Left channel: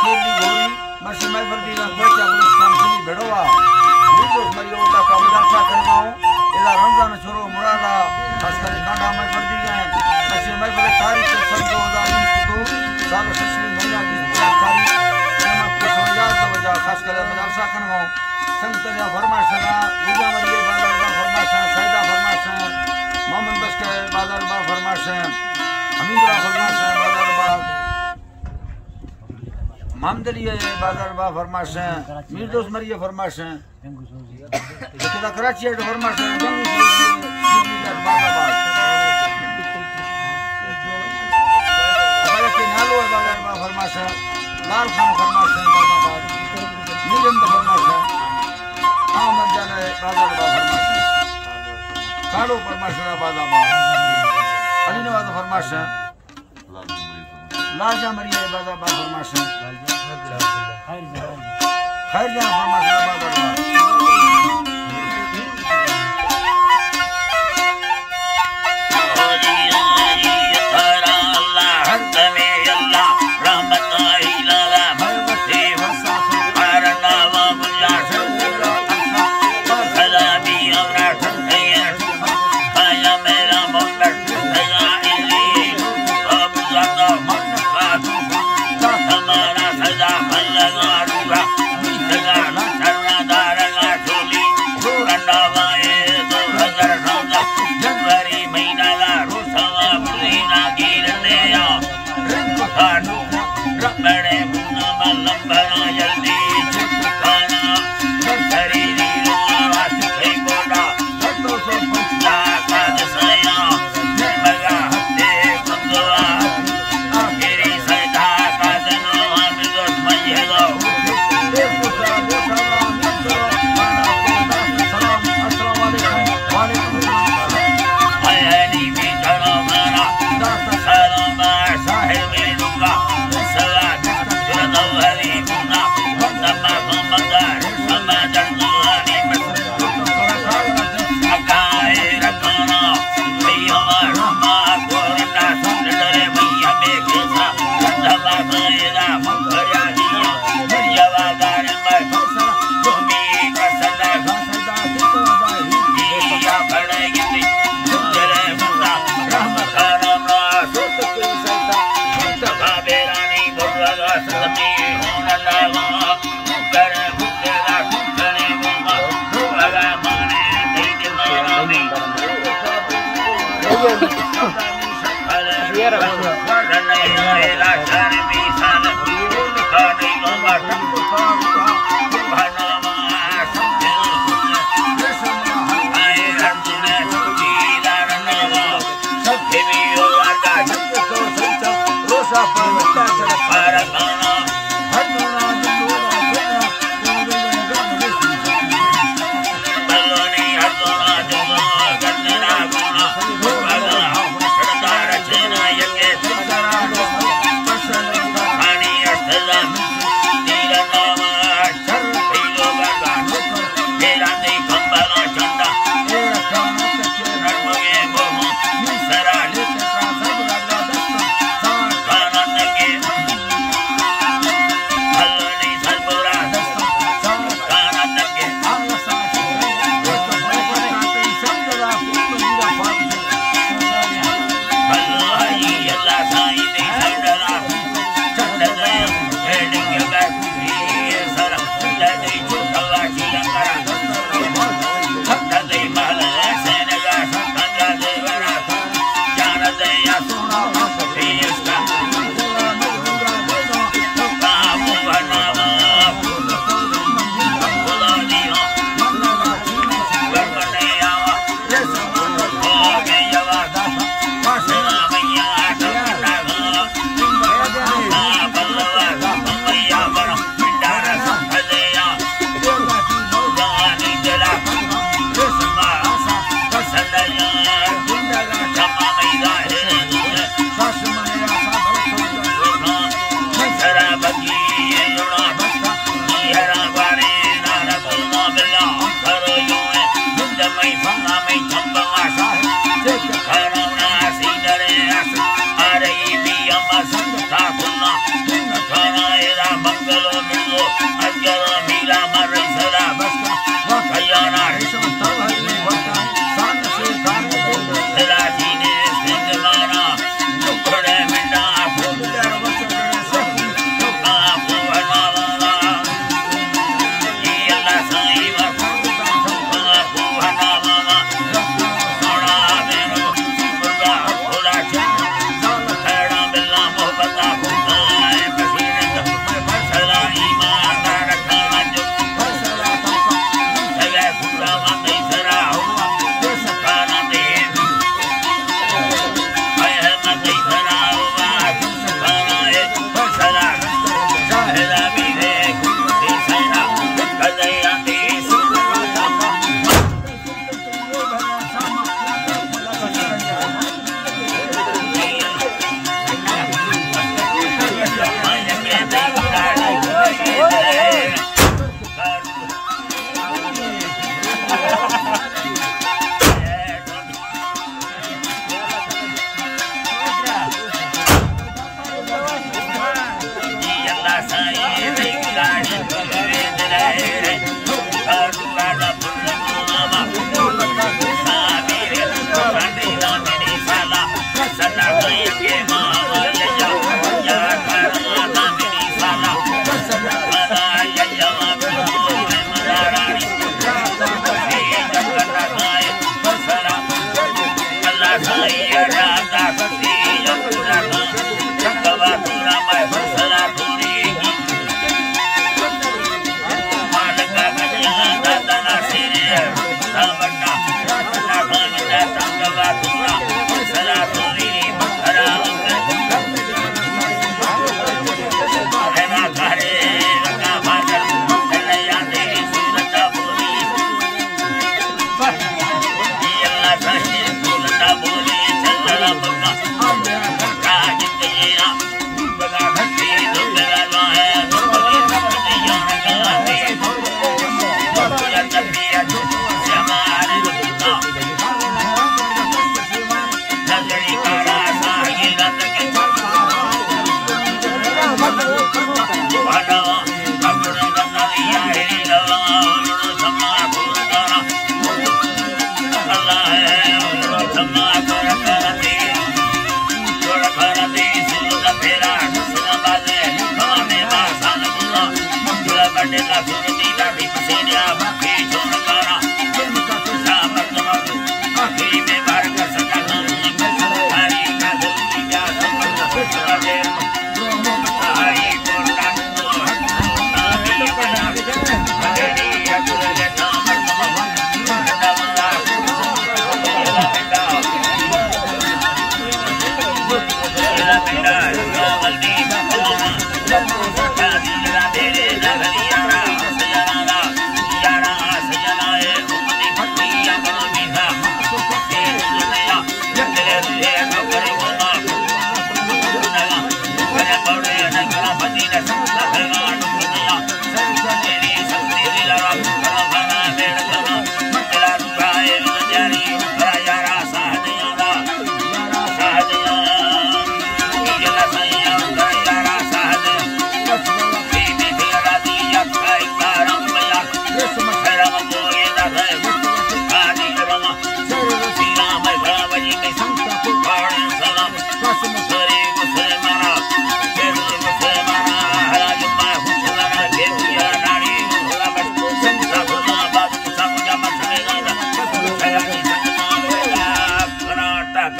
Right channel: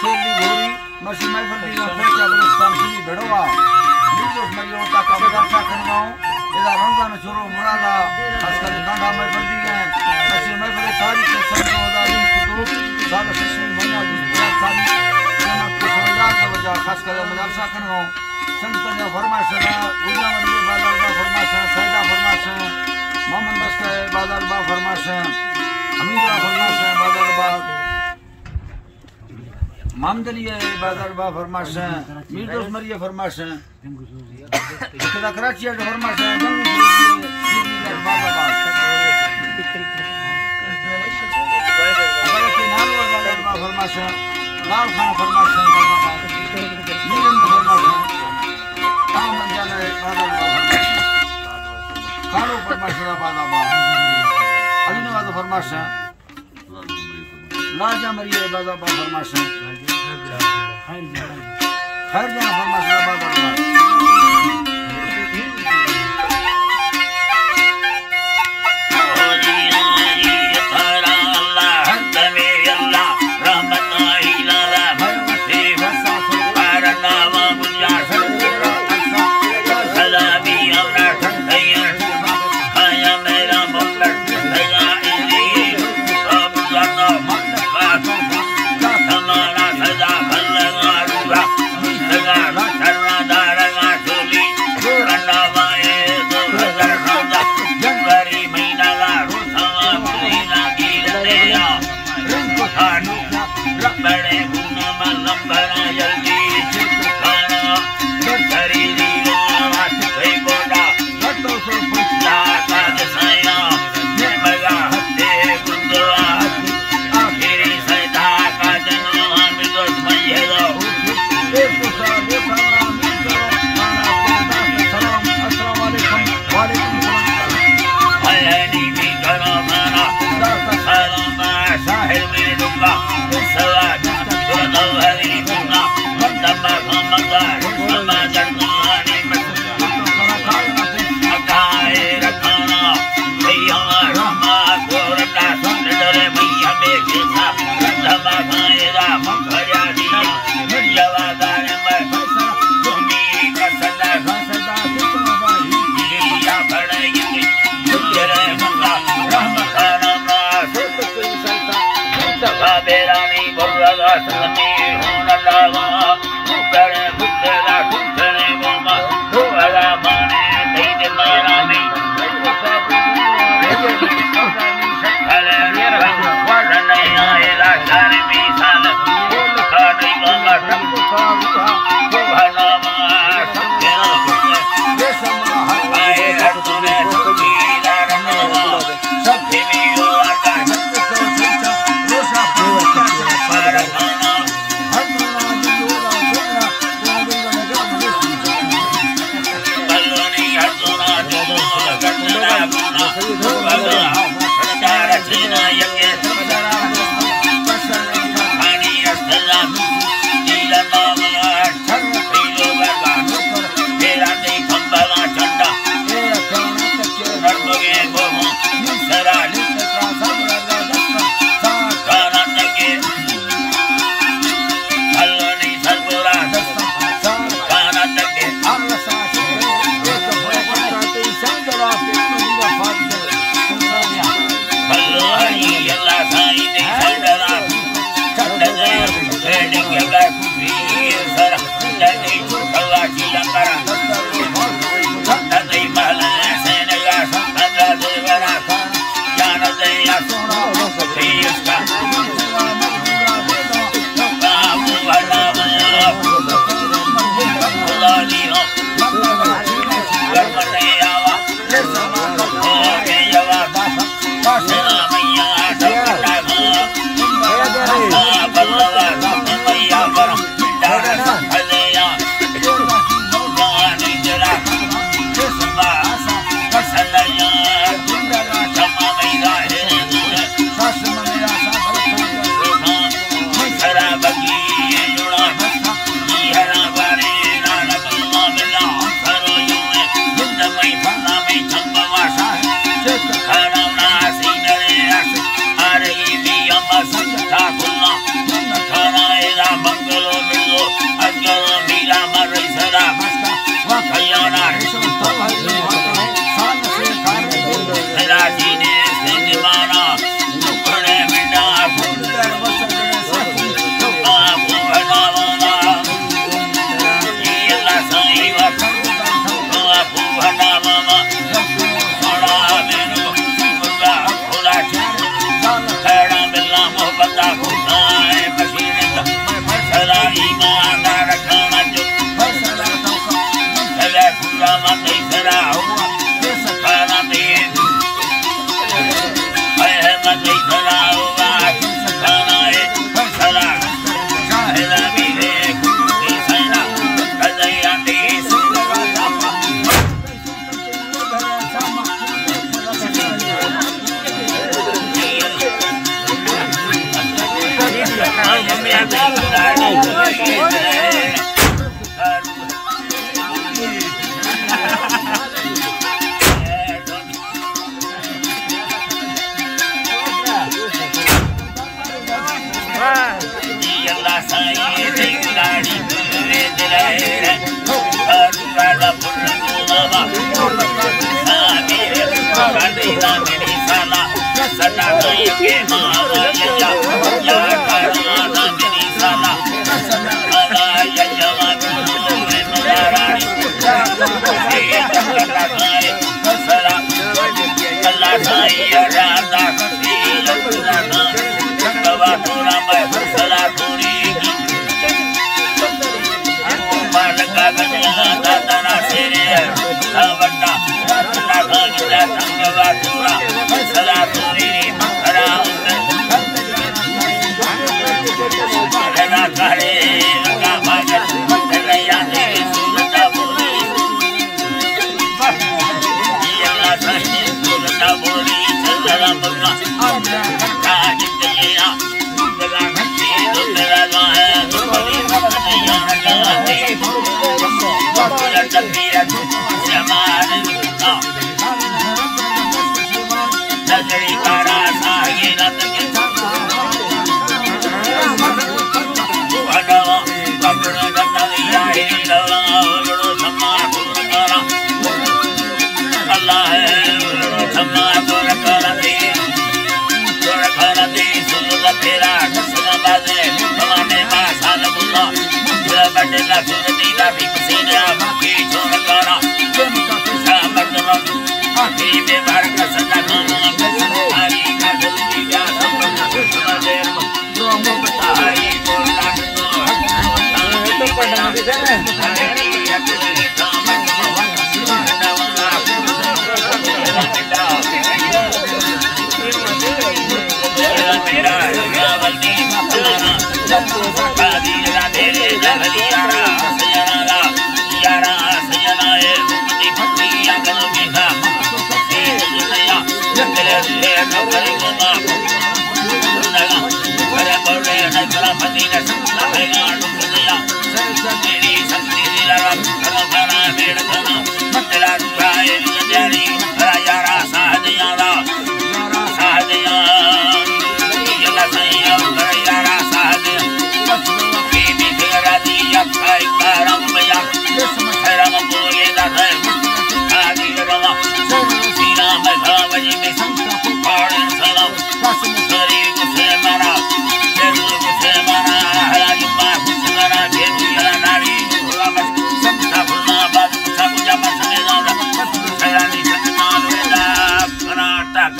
Shirley घोरी मसी महफिल दी ना फेचा गुलिस्तान सुनी भेड़वा लीडोस मरियो का मदरसा करवाओ इधर रमजान छोरो मुरादा खासकर कांडा महफिल दी है मसी महफिल तारीख से सन 2020 को साल शशि महीना की 4 तारीख जमात को सवजात वजह खासकर मदरसा करवाओ संत ने फरमाइश है गुजा मरिए बाजार बा फरमाइश है सैदा फरमाइश है मोहम्मद बस्कर बाजार बा फरमाइश है अमीरा फरमाइश है बाजार बा मामदली बाजार बा फरमाइश है मीरदोस मरिए फरमाइश है इतना कराची है फरमाइश है जंगू सीधी बाजाबाद अगर के नालो बाजार बा फरमाइश है लाल खान फरमाइश है बाजाबाद नीरंद फरमाइश है अहमद जाने बाजार बा फरमाइश है कालो फरमाइश है बाजाबाद अली नवाज फरमाइश है लाजा मरिए बाजार बा फरमाइश है खैर जान फरमाइश है बाजार बा Balla Mira,